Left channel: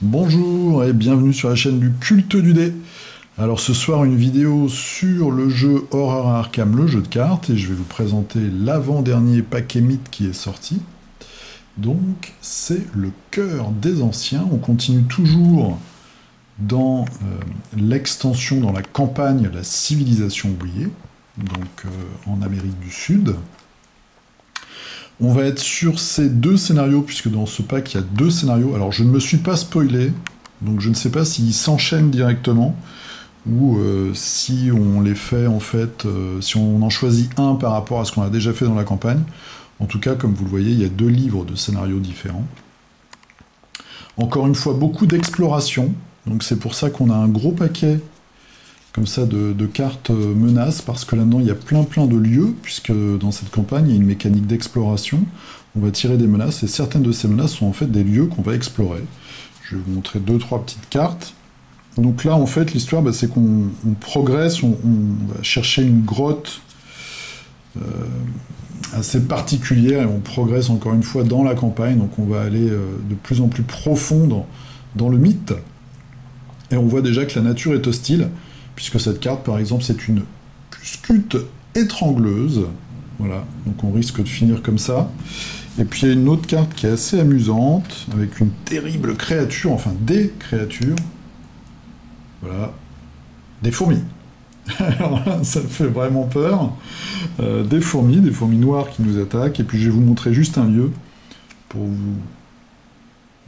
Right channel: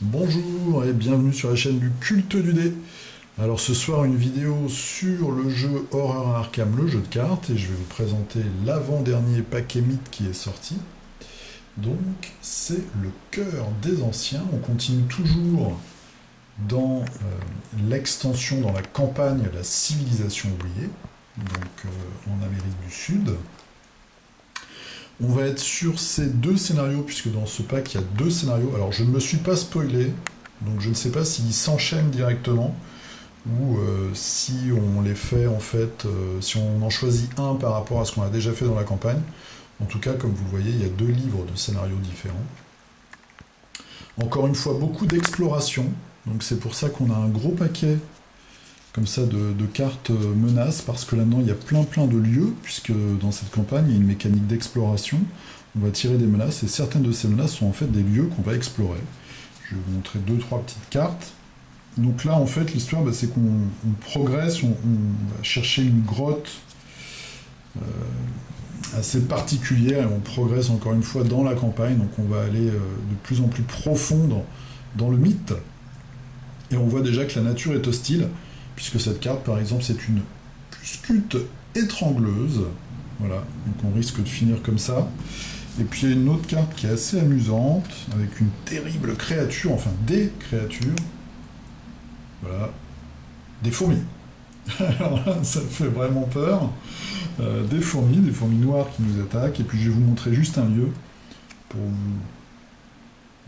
Bonjour et bienvenue sur la chaîne du culte du dé. Alors ce soir une vidéo sur le jeu Horror à Arkham, le jeu de cartes, et je vais vous présenter l'avant-dernier paquet mythe qui est sorti. Donc c'est le cœur des anciens, on continue toujours dans l'extension, dans la campagne, la civilisation oubliée, donc en Amérique du Sud. On va être sur ces deux scénarios, puisque dans ce pack, il y a deux scénarios. Alors, je ne me suis pas spoilé, donc je ne sais pas s'ils s'enchaînent directement, ou si on les fait, en fait, si on en choisit un par rapport à ce qu'on a déjà fait dans la campagne. En tout cas, comme vous le voyez, il y a deux livres de scénarios différents. Encore une fois, beaucoup d'exploration, donc c'est pour ça qu'on a un gros paquet comme ça de cartes menaces, parce que là-dedans il y a plein de lieux, puisque dans cette campagne il y a une mécanique d'exploration, on va tirer des menaces, et certaines de ces menaces sont en fait des lieux qu'on va explorer. Je vais vous montrer 2-3 petites cartes. Donc là en fait l'histoire c'est qu'on progresse, on va chercher une grotte assez particulière, et on progresse encore une fois dans la campagne, donc on va aller de plus en plus profond dans le mythe, et on voit déjà que la nature est hostile, puisque cette carte, par exemple, c'est une Cuscute étrangleuse. Voilà, donc on risque de finir comme ça. Et puis il y a une autre carte qui est assez amusante, avec une terrible créature, enfin des créatures. Voilà, des fourmis. Alors là, ça fait vraiment peur. Des fourmis noires qui nous attaquent. Et puis je vais vous montrer juste un lieu pour vous,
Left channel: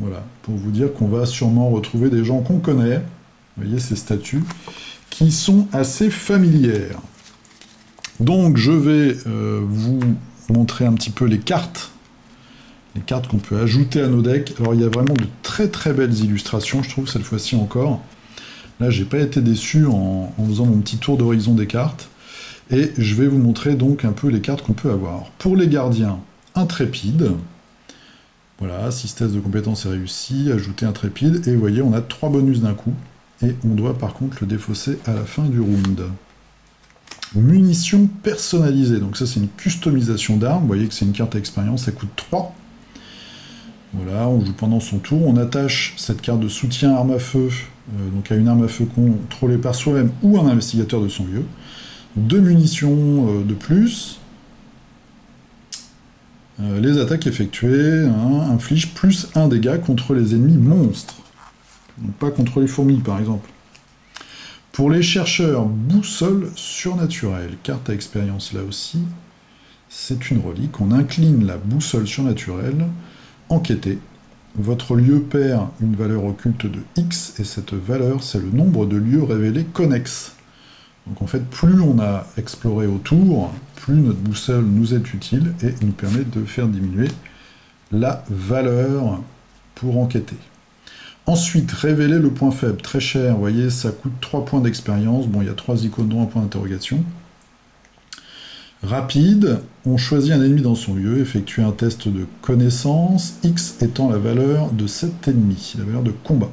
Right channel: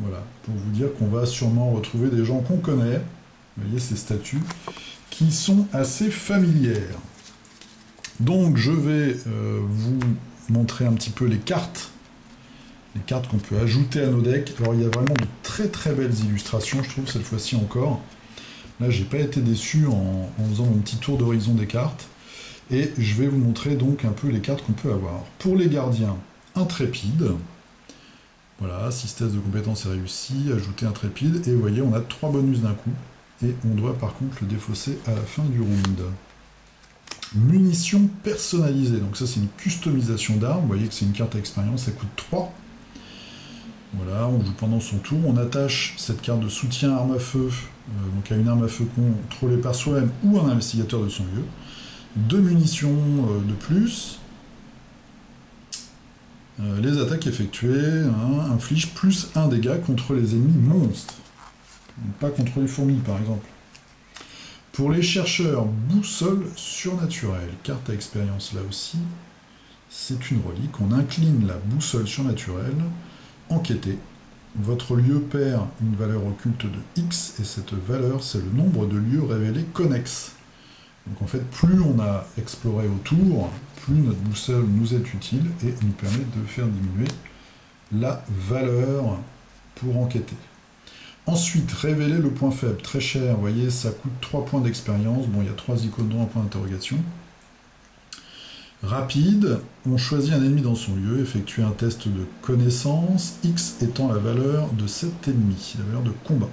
voilà, pour vous dire qu'on va sûrement retrouver des gens qu'on connaît. Vous voyez ces statues qui sont assez familières. Donc je vais vous montrer un petit peu les cartes qu'on peut ajouter à nos decks. Alors il y a vraiment de très belles illustrations, je trouve, cette fois-ci encore. Là j'ai pas été déçu en faisant mon petit tour d'horizon des cartes, et je vais vous montrer donc un peu les cartes qu'on peut avoir. Pour les gardiens, intrépide. Voilà, 6 tests de compétences est réussi, ajouter intrépide, et vous voyez on a 3 bonus d'un coup. Et on doit par contre le défausser à la fin du round. Munitions personnalisées, donc ça c'est une customisation d'armes, vous voyez que c'est une carte à expérience, ça coûte 3. Voilà, on joue pendant son tour, on attache cette carte de soutien arme à feu, donc à une arme à feu contrôlée par soi-même ou un investigateur de son lieu. 2 munitions de plus. Les attaques effectuées infligent plus 1 dégât contre les ennemis monstres. Donc pas contre les fourmis, par exemple. Pour les chercheurs, boussole surnaturelle. Carte à expérience, là aussi. C'est une relique. On incline la boussole surnaturelle. Enquêtez. Votre lieu perd une valeur occulte de X, et cette valeur, c'est le nombre de lieux révélés connexes. Donc en fait, plus on a exploré autour, plus notre boussole nous est utile, et nous permet de faire diminuer la valeur pour enquêter. Ensuite, révéler le point faible, très cher, vous voyez, ça coûte 3 points d'expérience, bon, il y a 3 icônes dont un point d'interrogation. Rapide, on choisit un ennemi dans son lieu, effectue un test de connaissance, X étant la valeur de cet ennemi, la valeur de combat.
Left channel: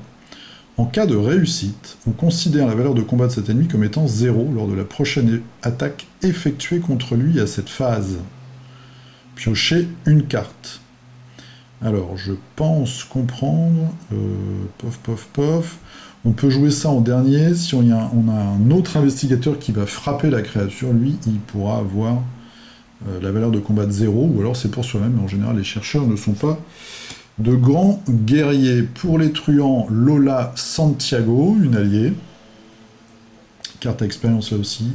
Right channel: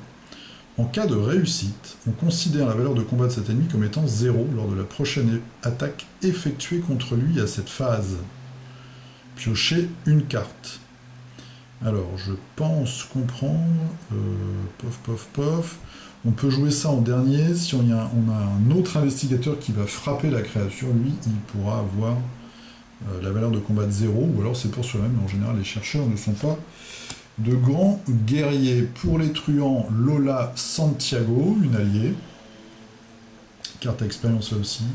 En cas de réussite, on considère la valeur de combat de cet ennemi comme étant 0 lors de la prochaine attaque effectuée contre lui à cette phase. Piochez une carte. Alors, je pense comprendre... On peut jouer ça en dernier. Si on a un autre investigateur qui va frapper la créature, lui, il pourra avoir la valeur de combat de 0, ou alors c'est pour soi-même. Mais en général, les chercheurs ne sont pas de grands guerriers. Pour les truands, Lola Santiago, une alliée. Carte à expérience là aussi.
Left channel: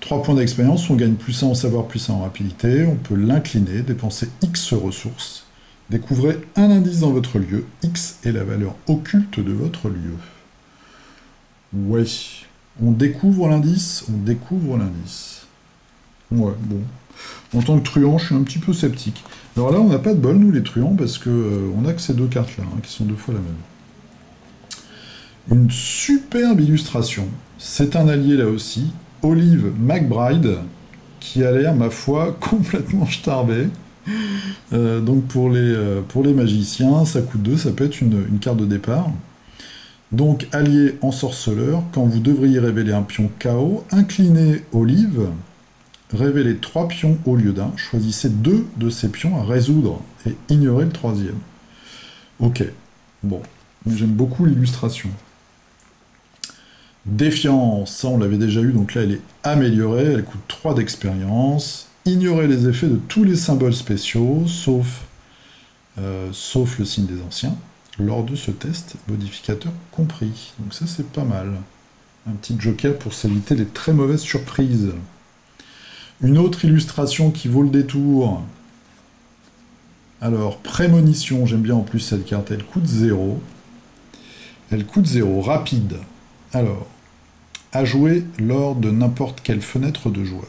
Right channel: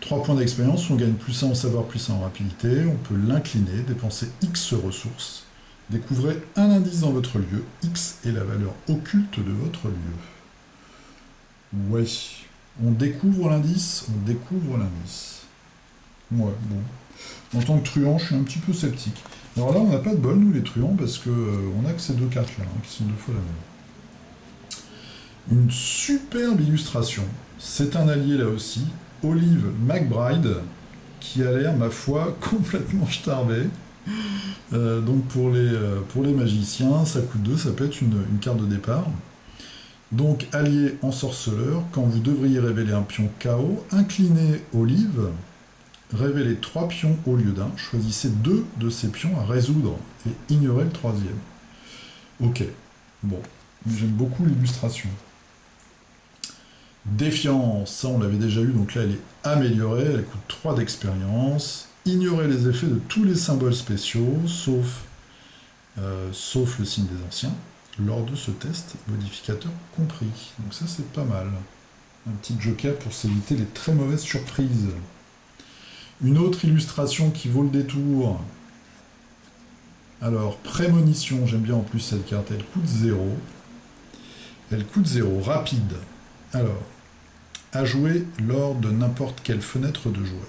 3 points d'expérience, on gagne plus 1 en savoir, plus 1 en rapidité. On peut l'incliner, dépenser X ressources. Découvrez un indice dans votre lieu, X est la valeur occulte de votre lieu. Ouais, on découvre l'indice, Ouais, bon. En tant que truand, je suis un petit peu sceptique. Alors là, on n'a pas de bol, nous, les truands, parce que on a que ces deux cartes-là, qui sont 2 fois la même. Une superbe illustration. C'est un allié, là aussi, Olive McBride, qui a l'air, ma foi, complètement starbé. Donc pour les magiciens, ça coûte 2, ça peut être une carte de départ. Donc allié ensorceleur, quand vous devriez révéler un pion KO, inclinez Olive, révélez 3 pions au lieu d'un, choisissez 2 de ces pions à résoudre et ignorez le 3e. Ok, bon, J'aime beaucoup l'illustration. Défiance, ça on l'avait déjà eu, donc là elle est améliorée, elle coûte 3 d'expérience. Ignorer les effets de tous les symboles spéciaux, sauf le signe des anciens, lors de ce test, modificateur compris. Donc ça c'est pas mal. Un petit joker pour s'éviter les très mauvaises surprises. Une autre illustration qui vaut le détour. Alors, prémonition, j'aime bien en plus cette carte, elle coûte 0. Elle coûte 0, rapide. Alors, à jouer lors de n'importe quelle fenêtre de joueur.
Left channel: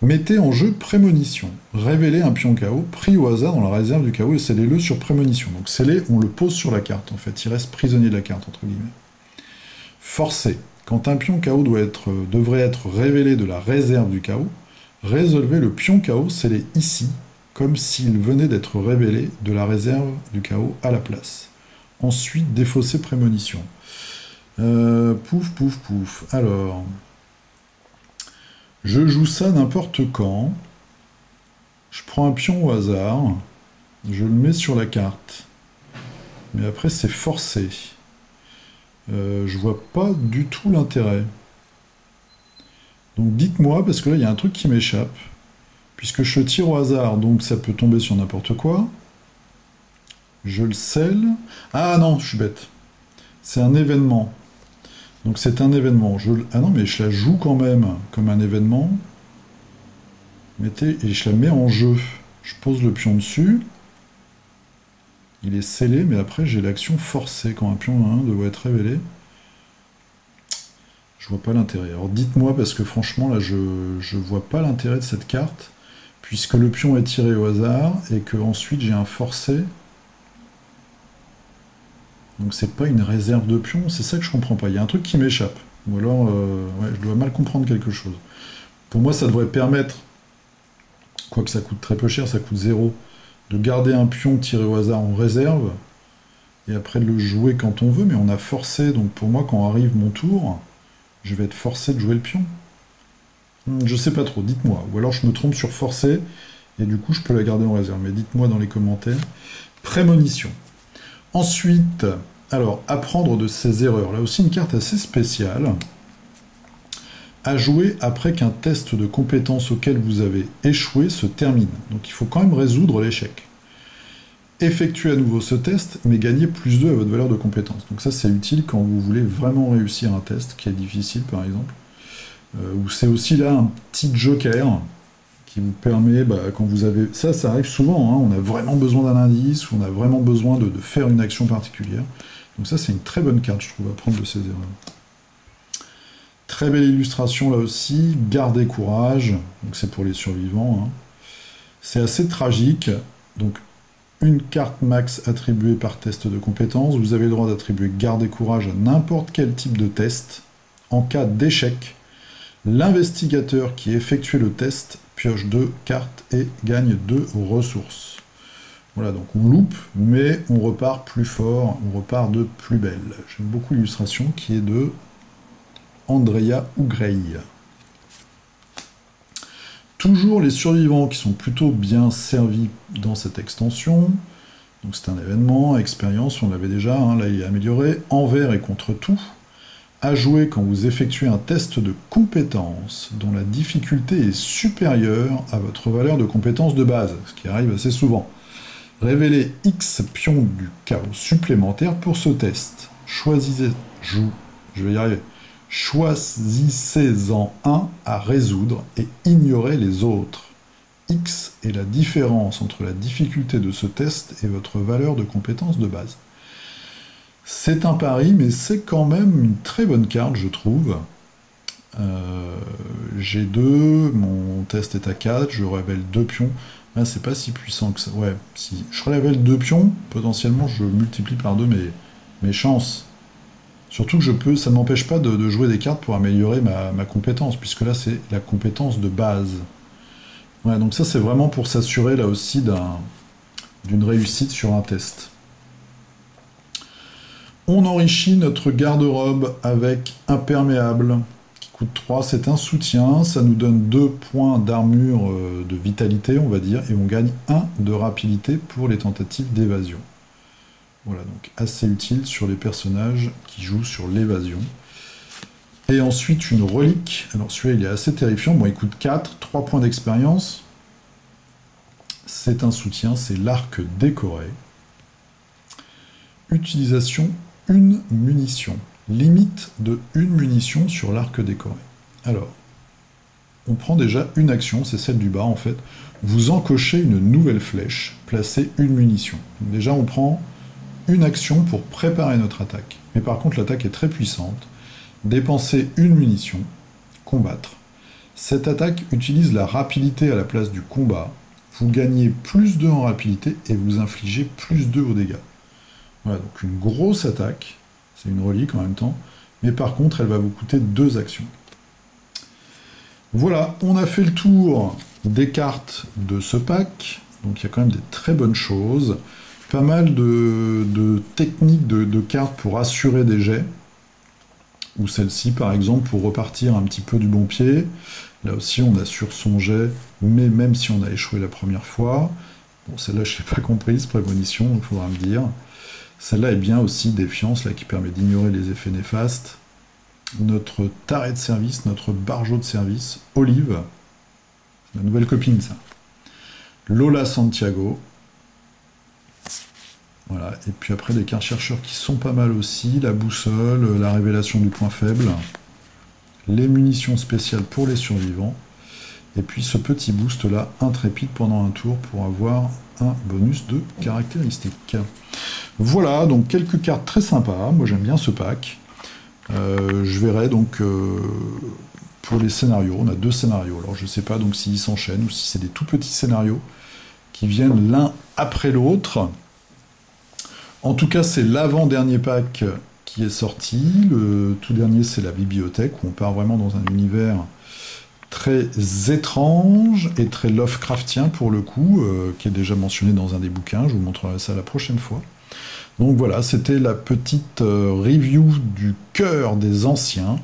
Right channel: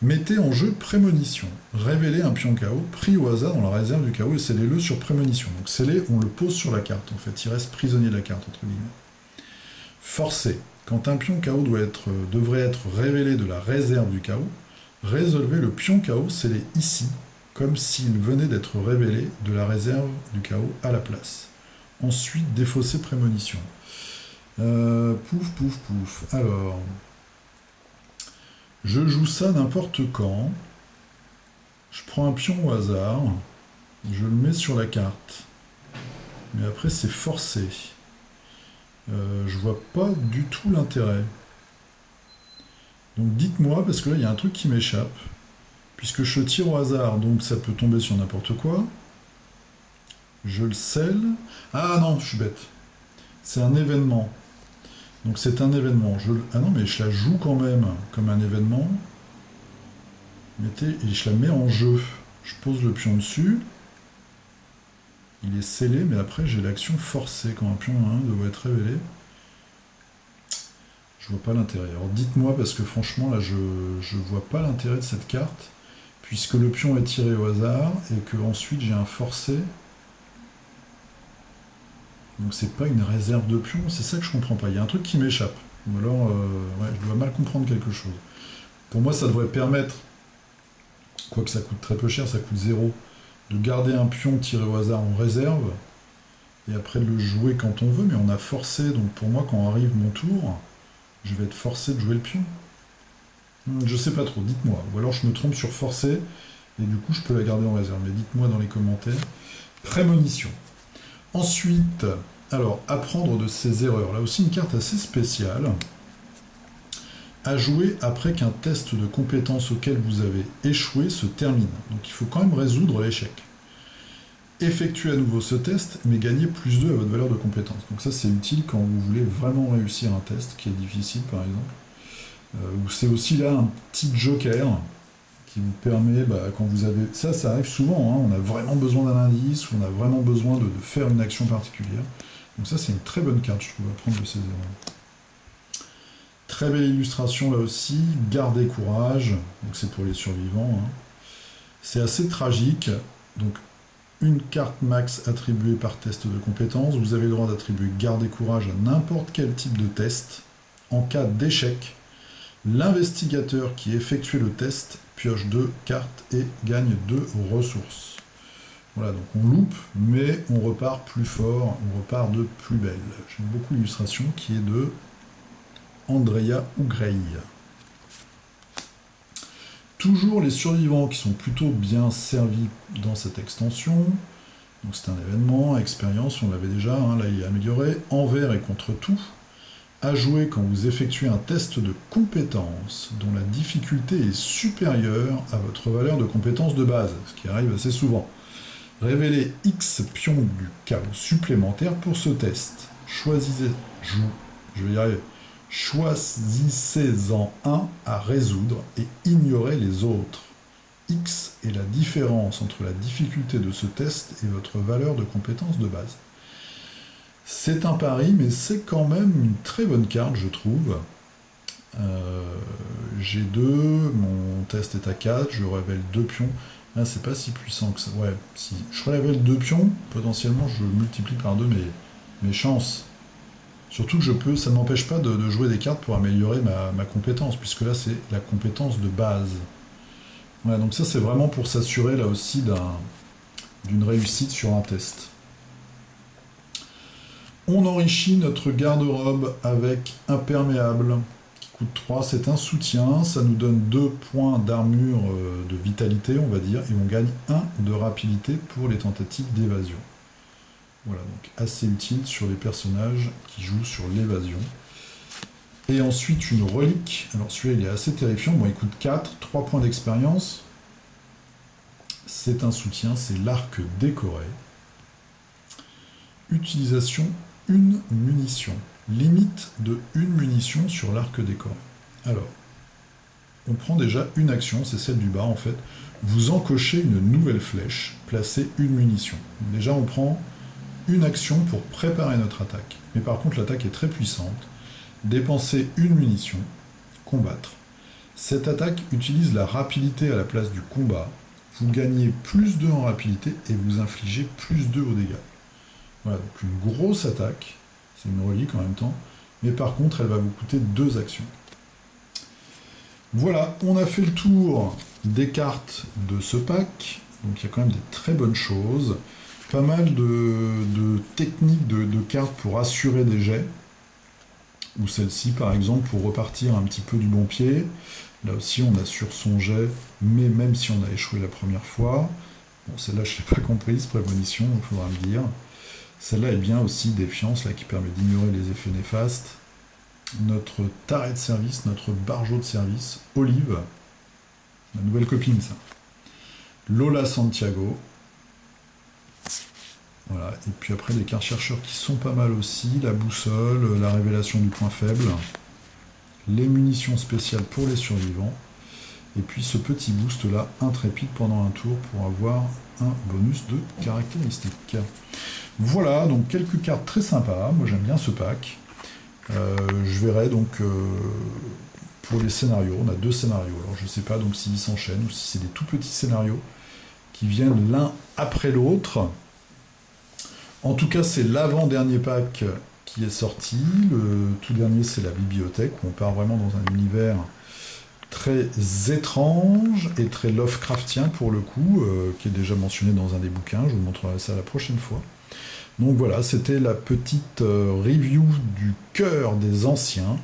Mettez en jeu prémonition. Révélez un pion KO pris au hasard dans la réserve du KO et scellez-le sur prémonition. Donc scellé, on le pose sur la carte en fait, il reste prisonnier de la carte entre guillemets. Forcé. Quand un pion KO devrait être révélé de la réserve du KO, résolvez le pion KO scellé ici, comme s'il venait d'être révélé de la réserve du KO à la place. Ensuite, défausser prémonition. Pouf, pouf, pouf. Alors, je joue ça n'importe quand. Je prends un pion au hasard. Je le mets sur la carte. Mais après, c'est forcé. Je vois pas du tout l'intérêt. Donc dites-moi, parce que là, il y a un truc qui m'échappe. Puisque je tire au hasard, donc ça peut tomber sur n'importe quoi. Je le scelle. Ah non, je suis bête. C'est un événement. Donc c'est un événement. Ah non, mais je la joue quand même comme un événement. Et je la mets en jeu. Je pose le pion dessus. Il est scellé, mais après j'ai l'action forcée quand un pion 1 doit être révélé. Je vois pas l'intérêt. Alors dites-moi, parce que franchement, là, je vois pas l'intérêt de cette carte, puisque le pion est tiré au hasard, et que ensuite j'ai un forcé. Donc c'est pas une réserve de pions, c'est ça que je comprends pas. Il y a un truc qui m'échappe. Ou alors, ouais, je dois mal comprendre quelque chose. Pour moi, ça devrait permettre, quoique ça coûte très peu cher, ça coûte 0, de garder un pion tiré au hasard en réserve, et après de le jouer quand on veut, mais on a forcé, donc pour moi, quand arrive mon tour, je vais être forcé de jouer le pion. Je sais pas trop, dites-moi. Ou alors je me trompe sur forcé, et du coup je peux la garder en réserve. Mais dites-moi dans les commentaires. Prémonition. Ensuite, alors, apprendre de ses erreurs. Là aussi une carte assez spéciale. À jouer après qu'un test de compétence auquel vous avez échoué se termine. Donc il faut quand même résoudre l'échec. Effectuez à nouveau ce test, mais gagnez plus 2 à votre valeur de compétence. Donc ça c'est utile quand vous voulez vraiment réussir un test qui est difficile par exemple. Ou c'est aussi là un petit joker qui vous permet, quand vous avez... Ça arrive souvent, hein, on a vraiment besoin d'un indice, ou on a vraiment besoin de faire une action particulière. Donc ça c'est une très bonne carte, je trouve, à prendre de ces erreurs. Très belle illustration là aussi, gardez courage, donc c'est pour les survivants. Hein. C'est assez tragique, donc une carte max attribuée par test de compétence, vous avez le droit d'attribuer garde et courage à n'importe quel type de test. En cas d'échec, l'investigateur qui effectue le test pioche 2 cartes et gagne 2 ressources. Voilà, donc on loupe, mais on repart plus fort, on repart de plus belle. J'aime beaucoup l'illustration qui est de Andrea Ugrey. Toujours les survivants qui sont plutôt bien servis dans cette extension. Donc c'est un événement, expérience, on l'avait déjà, hein, là il est amélioré. Envers et contre tout. À jouer quand vous effectuez un test de compétence dont la difficulté est supérieure à votre valeur de compétence de base, ce qui arrive assez souvent. Révélez X pions du chaos supplémentaire pour ce test. Choisissez-en un à résoudre et ignorez les autres. X est la différence entre la difficulté de ce test et votre valeur de compétence de base. C'est un pari, mais c'est quand même une très bonne carte, je trouve. G2, mon test est à 4, je révèle 2 pions. Ah, c'est pas si puissant que ça. Ouais, si je révèle 2 pions, potentiellement je multiplie par 2 mes chances. Surtout que ça ne m'empêche pas de jouer des cartes pour améliorer ma compétence, puisque là c'est la compétence de base. Ouais, donc ça c'est vraiment pour s'assurer là aussi d'une réussite sur un test. On enrichit notre garde-robe avec imperméable, qui coûte 3, c'est un soutien, ça nous donne 2 points d'armure de vitalité, on va dire, et on gagne 1 de rapidité pour les tentatives d'évasion. Voilà, donc assez utile sur les personnages qui jouent sur l'évasion. Et ensuite, une relique. Alors celui-là, il est assez terrifiant. Bon, il coûte 4, 3 points d'expérience. C'est un soutien, c'est l'arc décoré. Utilisation, une munition. Limite de une munition sur l'arc décoré. Alors, on prend déjà une action, c'est celle du bas en fait. Vous encochez une nouvelle flèche, placez une munition. Déjà, on prend une action pour préparer notre attaque. Mais par contre, l'attaque est très puissante. Dépensez une munition, combattre. Cette attaque utilise la rapidité à la place du combat. Vous gagnez plus 2 en rapidité et vous infligez plus 2 aux dégâts. Voilà, donc une grosse attaque. C'est une relique en même temps. Mais par contre, elle va vous coûter 2 actions. Voilà, on a fait le tour des cartes de ce pack. Donc il y a quand même des très bonnes choses. Pas mal de techniques de cartes pour assurer des jets. Ou celle-ci, par exemple, pour repartir un petit peu du bon pied. Là aussi, on assure son jet, mais même si on a échoué la première fois. Bon, celle-là, je ne l'ai pas comprise, prémonition, il faudra me dire. Celle-là est bien aussi, défiance, là, qui permet d'ignorer les effets néfastes. Notre taré de service, notre barjot de service, Olive. La nouvelle copine, ça. Lola Santiago. Voilà, et puis après des cartes chercheurs qui sont pas mal aussi, la boussole, la révélation du point faible, les munitions spéciales pour les survivants, et puis ce petit boost là, intrépide pendant un tour pour avoir un bonus de caractéristiques. Voilà, donc quelques cartes très sympas, moi j'aime bien ce pack. Je verrai donc pour les scénarios, on a 2 scénarios, alors je sais pas donc s'ils s'enchaînent ou si c'est des tout petits scénarios qui viennent l'un après l'autre. En tout cas, c'est l'avant-dernier pack qui est sorti. Le tout dernier, c'est la bibliothèque, où on part vraiment dans un univers très étrange et très Lovecraftien pour le coup, qui est déjà mentionné dans un des bouquins. Je vous montrerai ça la prochaine fois. Donc voilà, c'était la petite review du cœur des anciens.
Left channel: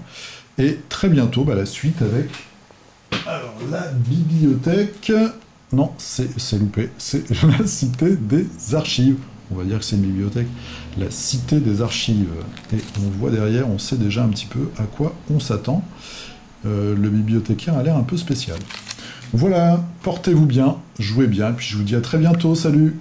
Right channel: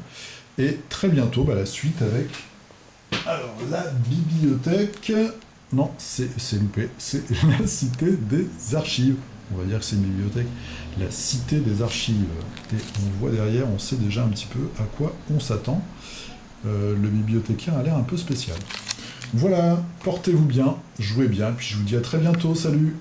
Et très bientôt, la suite avec... Alors, la bibliothèque... Non, c'est loupé. C'est la cité des archives. On va dire que c'est une bibliothèque, la cité des archives. Et on voit derrière, on sait déjà un petit peu à quoi on s'attend. Le bibliothécaire a l'air un peu spécial. Voilà, portez-vous bien, jouez bien, puis je vous dis à très bientôt, salut!